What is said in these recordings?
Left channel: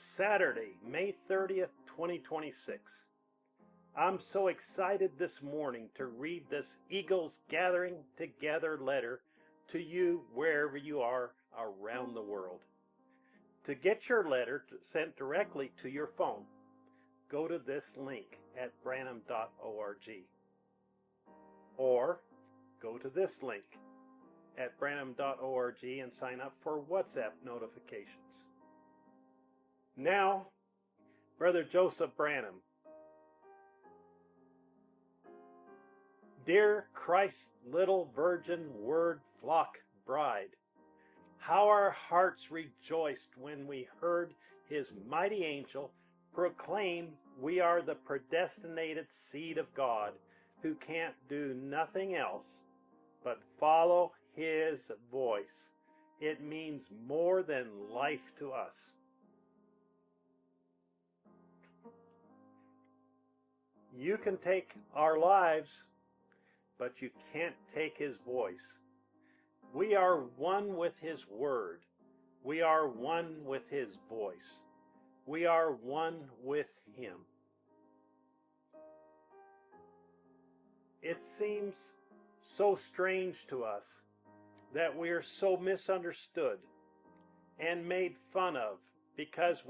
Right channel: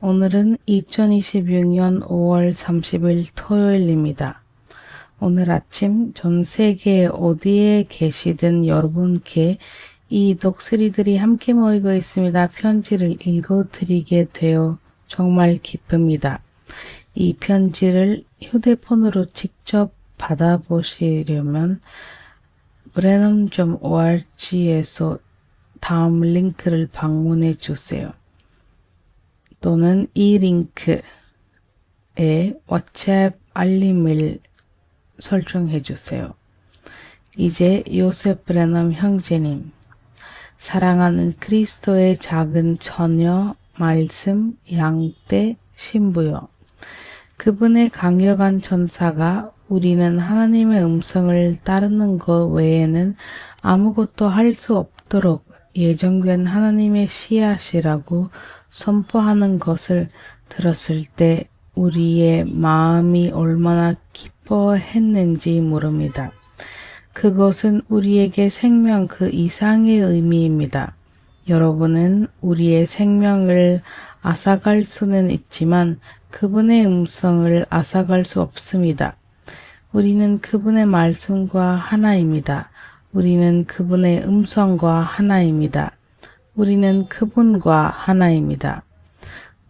오늘은 2026년 5월 30일 토요일입니다. 오늘 아침 전 세계 어디에 계시든 여러분께 이 독수리들이 함께 모이고 있습니다. 편지를 읽어드리게 되어 정말 기쁩니다. 이 편지를 휴대폰으로 직접 받아보시려면 brenham.org에서 다음 링크를 방문해 주세요. 또는 이 링크에 WhatsApp 알림을 설정해 주세요. 이제 요셉 브레넘 형제님, 사랑하는 그리스도의 작은 처녀, 말씀, 양떼, 신부요. 그분의 강력한 전사가 우리는 하나님의 음성을 따르는 것 외에는 아무것도 할 수 없도록 예정된 하나님의 씨앗이라고 선포하는 것을 들었을 때 우리의 마음이 얼마나 기뻐했는지 모릅니다. 그것은 우리에게 생명 그 이상의 의미입니다. 여러분은 우리의 생명을 앗아갈 수는 있지만 그분의 음성을 앗아갈 수 없습니다. 우리는 그분의 말씀과 하나입니다. 우리는 그분의 음성과 하나입니다. 우리는 그분과 하나입니다.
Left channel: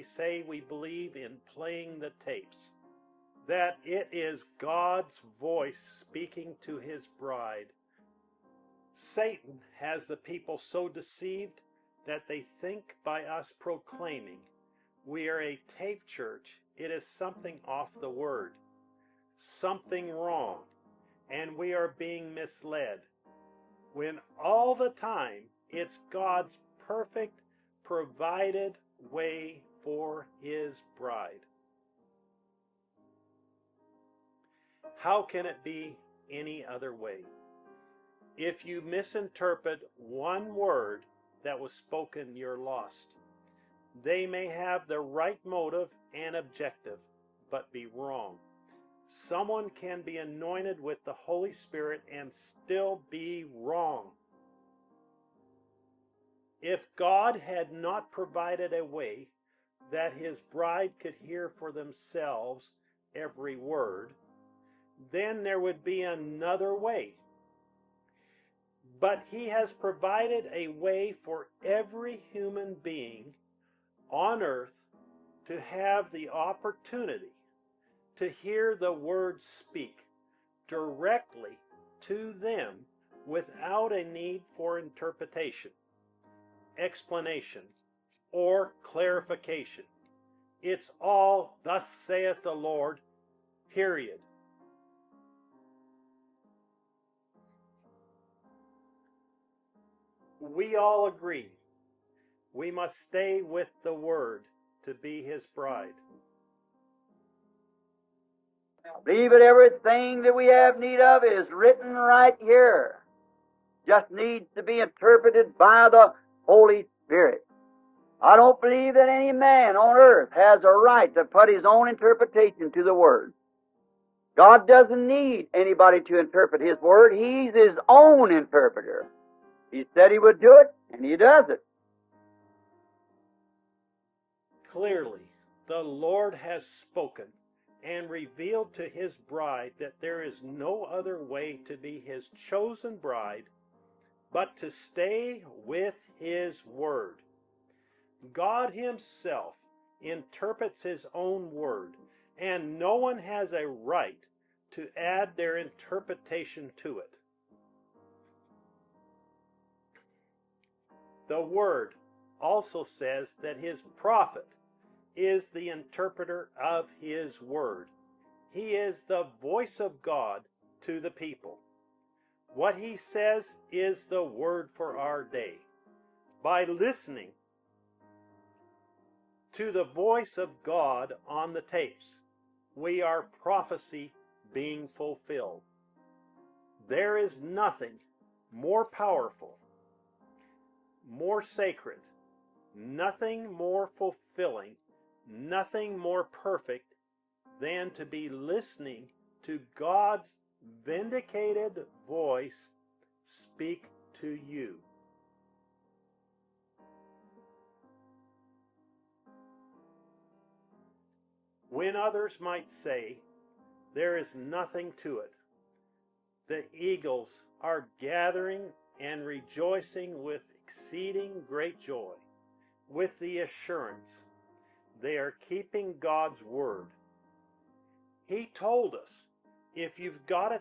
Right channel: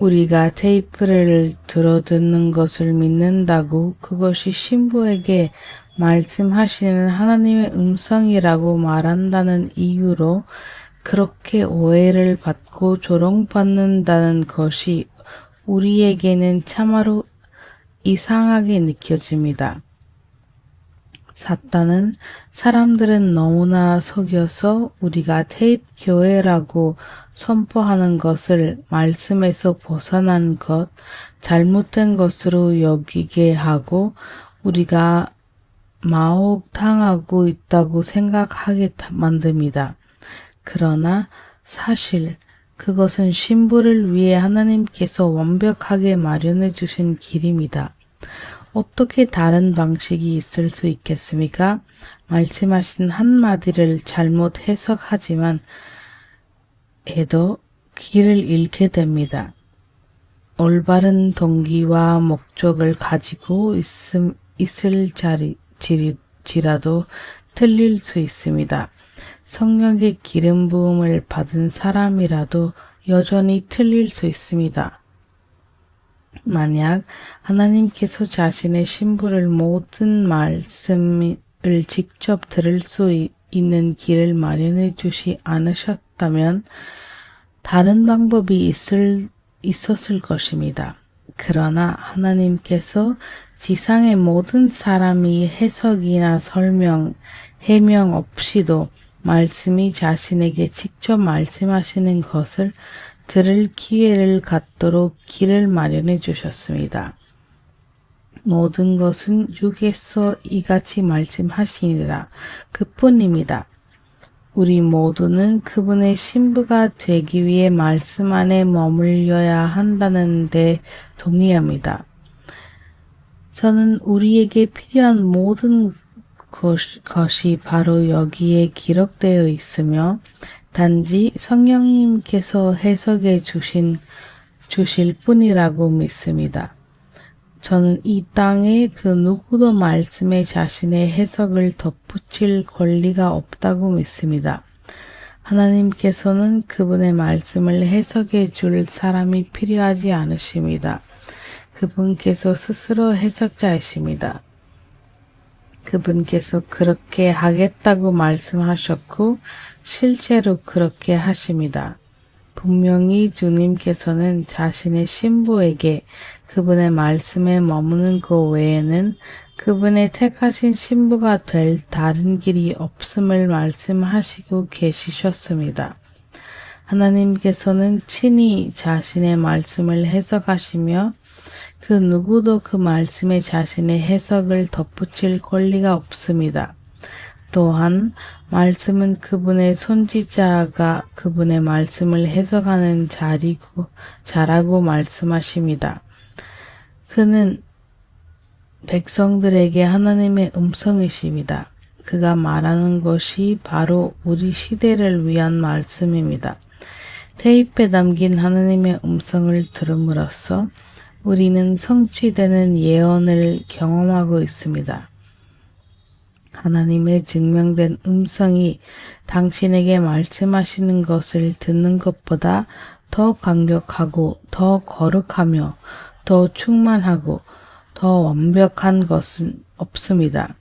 우리가 테이프를 들어듣는 것을 믿는다고 그것이 신부에게 말씀하시는 하나님의 음성이라고 말한다는 이유로 그렇게 오해를 받고 조롱받는다는 것이 우리에게는 참으로 이상하게 느껴집니다. 사탄은 사람들은 너무나 속여서 우리가 테이프 교회라고 선포하는 것을 말씀에서 벗어난 것, 잘못된 것으로 여기게 하고 우리가 마혹당하고 있다고 생각하게 만듭니다. 그러나 사실 그것은 신부를 위해 하나님께서 완벽하게 마련해 주신 길입니다. 어떻게 다른 방식이 있을 수 있겠습니까? 말씀하신 한마디를 잘못 해석하지만 해도 길을 잃게 됩니다. 올바른 동기와 목적을 가지고 있을지라도 틀릴 수 있습니다. 성령의 기름 부음을 받은 사람이라도 여전히 틀릴 수 있습니다. 만약 하나님께서 자신의 신부를 모든 말씀을 직접 들을 수 있는 길을 마련해 주시 않으셨다면 다른 방법이 있었을 것입니다. 그러나 하나님께서 지상의 모든 사람이 해석이나 설명, 해명 없이도 말씀이 자신에게 직접 말씀하시는 것을 들을 기회를 갖도록 길을 마련해 주셨습니다. 모든 것은 육에서 이같이 말씀하시니라 그뿐입니다. 우리 모두는 그분의 신부가 되기 위해 말씀 안에 머물러야 한다는 데 동의합니다. 저는 우리에게 필요한 모든 것이 바로 여기에 기록되어 있으며 단지 성령님께서 해석해 주실 뿐이라고 믿습니다. 저는 이 땅에 그 누구도 말씀에 자신의 해석을 덧붙일 권리가 없다고 믿습니다. 하나님께서는 그분의 말씀을 해석해 줄 사람이 필요하지 않으십니다. 그분께서 스스로 해석자이십니다. 그분께서 그렇게 하겠다고 말씀하셨고 실제로 그렇게 하십니다. 분명히 주님께서는 자신의 신부에게 그분의 말씀에 머무는 것 외에는 그분의 택하신 신부가 될 다른 길이 없음을 말씀하시고 계시셨습니다. 하나님께서는 친히 자신의 말씀을 해석하시며 그 누구도 그 말씀에 자신의 해석을 덧붙일 권리가 없습니다. 또한 말씀은 그분의 선지자가 그분의 말씀을 해석하는 자라고 말씀하십니다. 그는 백성들에게 하나님의 음성이십니다. 그가 말하는 것이 바로 우리 시대를 위한 말씀입니다. 테이프에 담긴 하나님의 음성을 들음으로써 우리는 성취되는 예언을 경험하고 있습니다. 하나님의 증명된 음성이 당신에게 말씀하시는 것을 듣는 것보다 더 강력하고 더 거룩하며 더 충만하고 더 완벽한 것은 없습니다.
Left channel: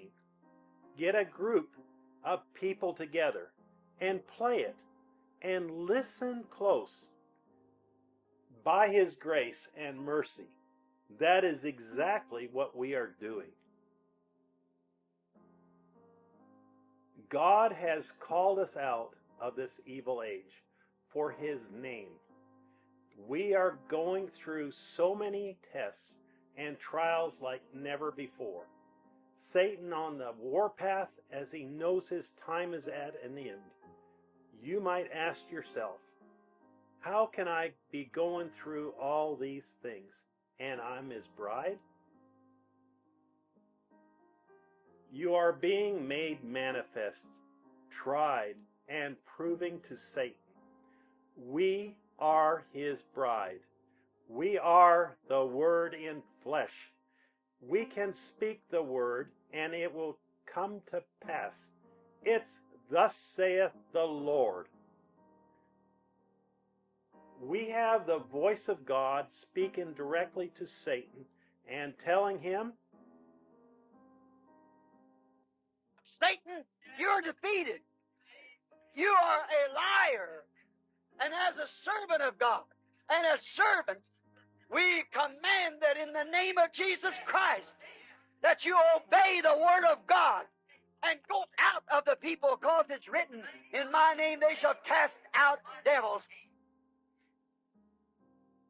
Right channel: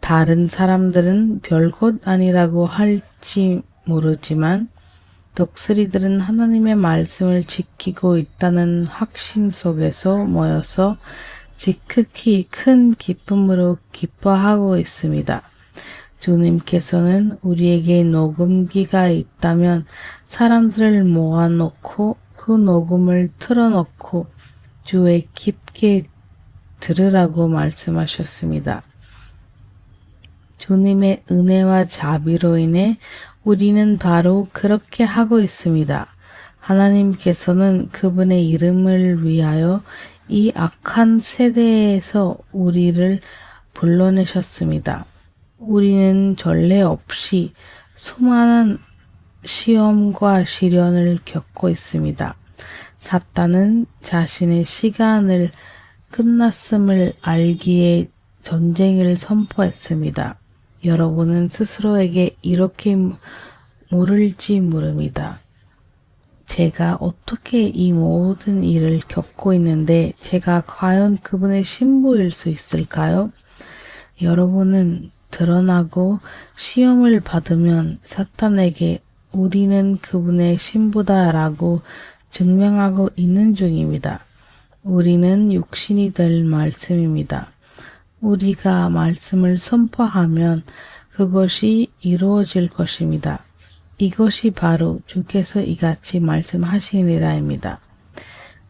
다른 사람들은 별것 아니라고 할지 모르지만 독수리들은 하나님의 말씀을 지키고 있다는 확신 속에서 모여서 지극히 큰 기쁨으로 기뻐하고 있습니다. 주님께서는 우리에게 녹음기가 있다면 사람들을 모아놓고 그 녹음을 틀어놓고 주에 깊게 들으라고 말씀하셨습니다. 주님의 은혜와 자비로 인해 우리는 바로 그렇게 하고 있습니다. 하나님께서는 그분의 이름을 위하여 이 악한 세대에서 우리를 불러내셨습니다. 우리는 전례 없이 수많은 시험과 시련을 겪고 있습니다. 사탄은 자신의 시간을 끝났음을 알기에 전쟁을 선포했습니다. 여러분은 스스로에게 이렇게 물을지 모릅니다. 제가 어떻게 이 모든 일을 겪고 있는데 제가 과연 그분의 신부일 수 있을까요? 여러분은 드러나고 시험을 받으면 사탄에게 우리는 그분의 신부다라고 증명하고 있는 중입니다. 우리는 육신이 될 말씀입니다. 우리가 말씀을 선포하면 그것이 이루어질 것입니다. 이것이 바로 주께서 이같이 말씀하시니라입니다.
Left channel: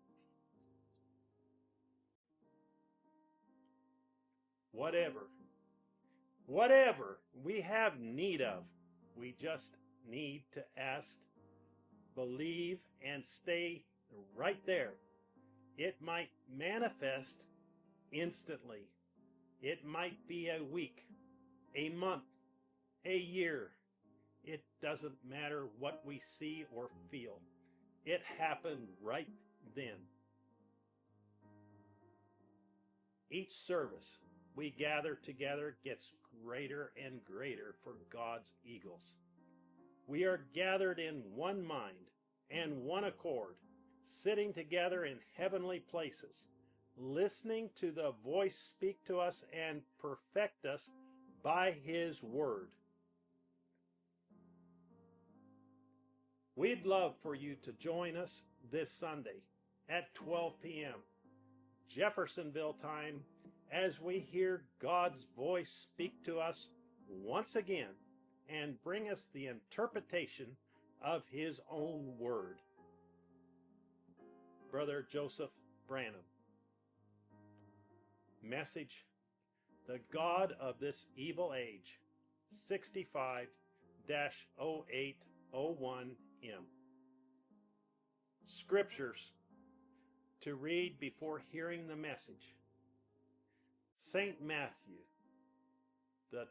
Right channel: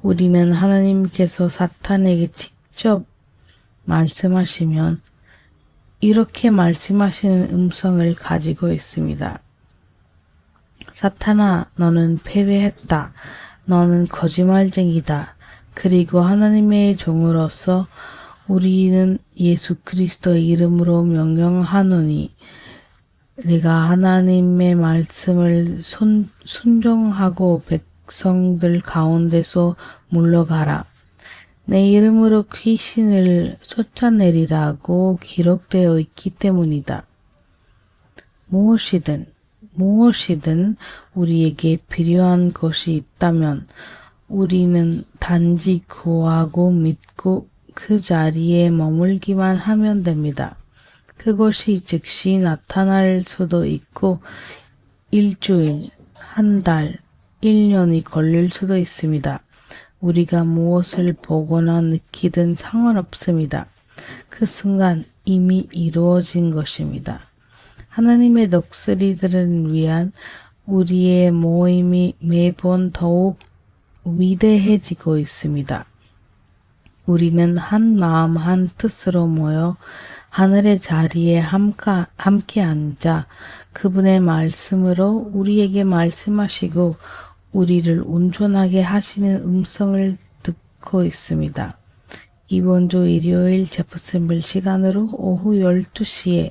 우리는 하나님께서 사탄에게 직접 말씀하시면 이렇게 말씀하시는 음성을 가지고 있습니다. 사탄아, 너는 패배했다. 너는 거짓말쟁이다. 그리고 하나님의 종으로서 우리는 예수 그리스도의 이름으로 명령하노니 네가 하나님의 말씀을 순종하고 백성들 가운데서 물러가라. 내 이름으로 귀신을 쫓아내리라고 기록되어 있기 때문이다. 무엇이든 우리에게 필요한 것이 있다면 우리는 단지 구하고 믿고 그 자리에 머물기만 하면 됩니다. 그것이 즉시 나타날 수도 있고 일주일, 한 달, 1년이 걸릴 수도 있습니다. 우리가 무엇을 보거나 느끼든 상관없습니다. 그 순간 이미 이루어진 것입니다. 하나님의 독수리들을 위한 우리의 모임이 매번 더욱 위대해지고 있습니다. 우리는 한 마음 한 뜻으로 모여 하늘의 자리에 함께 앉아 그분의 말씀으로 우리에게 말씀하시고 우리를 온전하게 하시는 음성을 듣고 있습니다. 이번 주 일요일 제퍼슨빌 시간으로 오후 12시에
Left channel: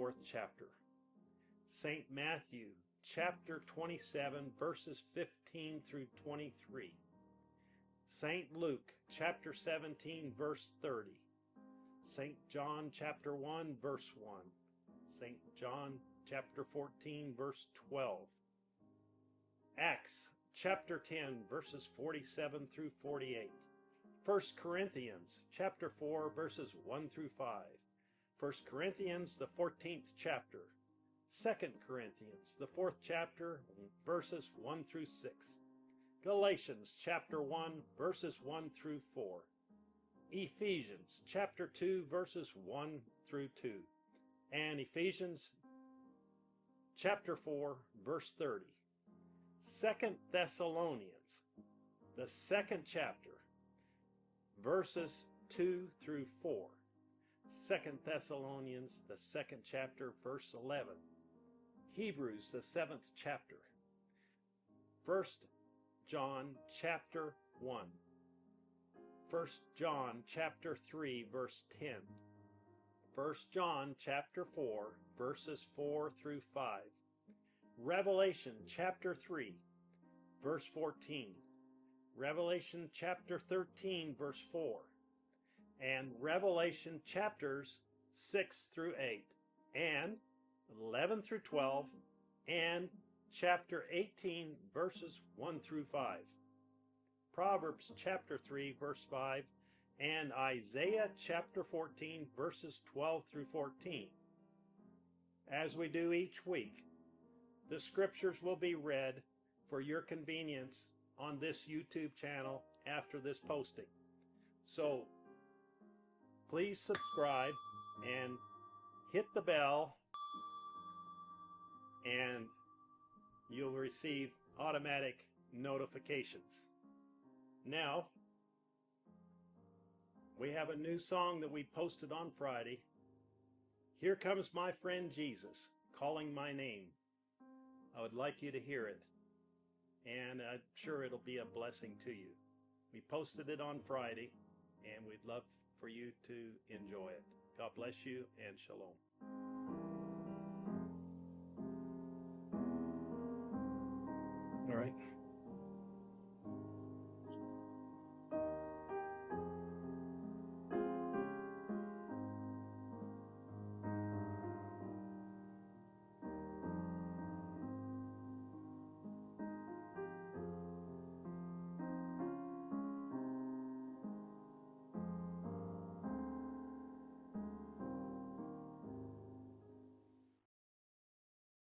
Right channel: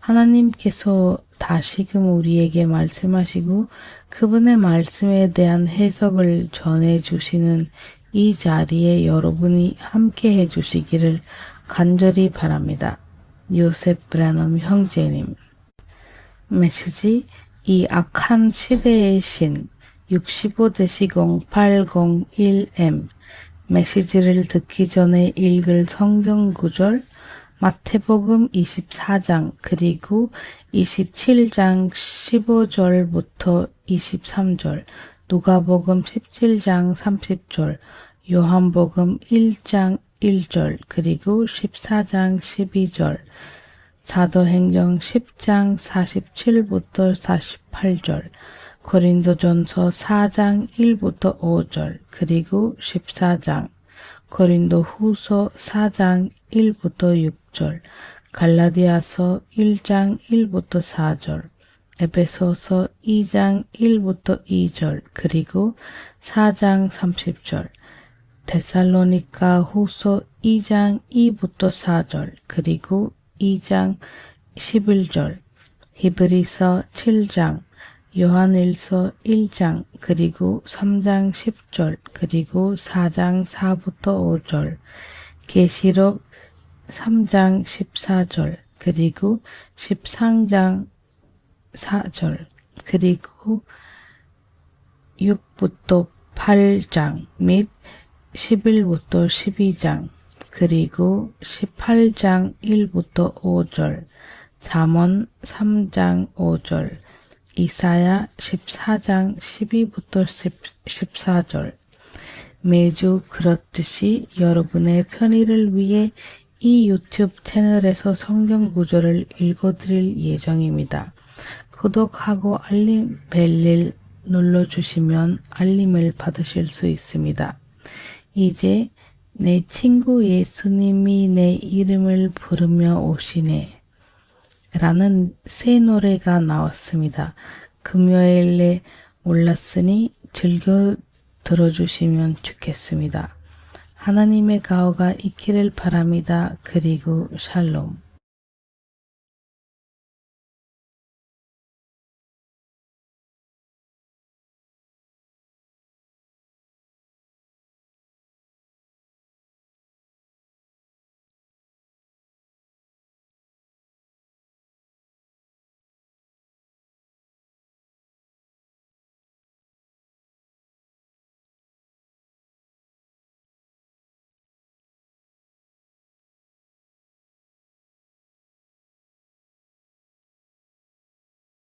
하나님께서 다시금 우리에게 말씀하시고 그분의 말씀에 대한 해석을 전해주시는 이 자리에 여러분이 함께 해주시기를 간절히 바랍니다. 요셉 브래넘 형제님. 메시지 이 악한 시대의 신 65-0801M. 메시지를 듣기 전에 읽을 성경 구절 마태복음 24장 그리고 27장 15절부터 23절, 누가복음 17장 30절, 요한복음 1장 1절 그리고 14장 12절, 사도행전 10장 47부터 48절, 고린도전서 4장 1부터 5절 그리고 14장, 고린도후서 4장 1부터 6절, 갈라디아서 1장 1부터 4절, 에베소서 2장 1부터 2절 그리고 4장 30절, 데살로니가 후서 2장 2부터 4절 그리고 2장 11절, 히브리서 7장, 요한일서 1장 그리고 3장 10절 그리고 4장 4부터 5절 계시록 3장 14절 그리고 13장 4절 그리고 6부터 8장 및 11부터 12장 그리고 18장 1부터 5절 잠언 3장 5절 이사야 14장 12부터 14절 매주 그렇듯이 여러분의 편의를 위해 이 유튜브 채널에서 성경 구절을 읽어드릴 예정입니다. 구독하고 알림 벨을 눌러주시면 알림을 받으실 수 있습니다. 이제 내 친구 예수님이 내 이름을 부르며 오시네 라는 새 노래가 나왔습니다. 금요일에 올랐으니 즐겨 들어주시면 좋겠습니다. 하나님의 가호가 있기를 바랍니다. 그리고 샬롬.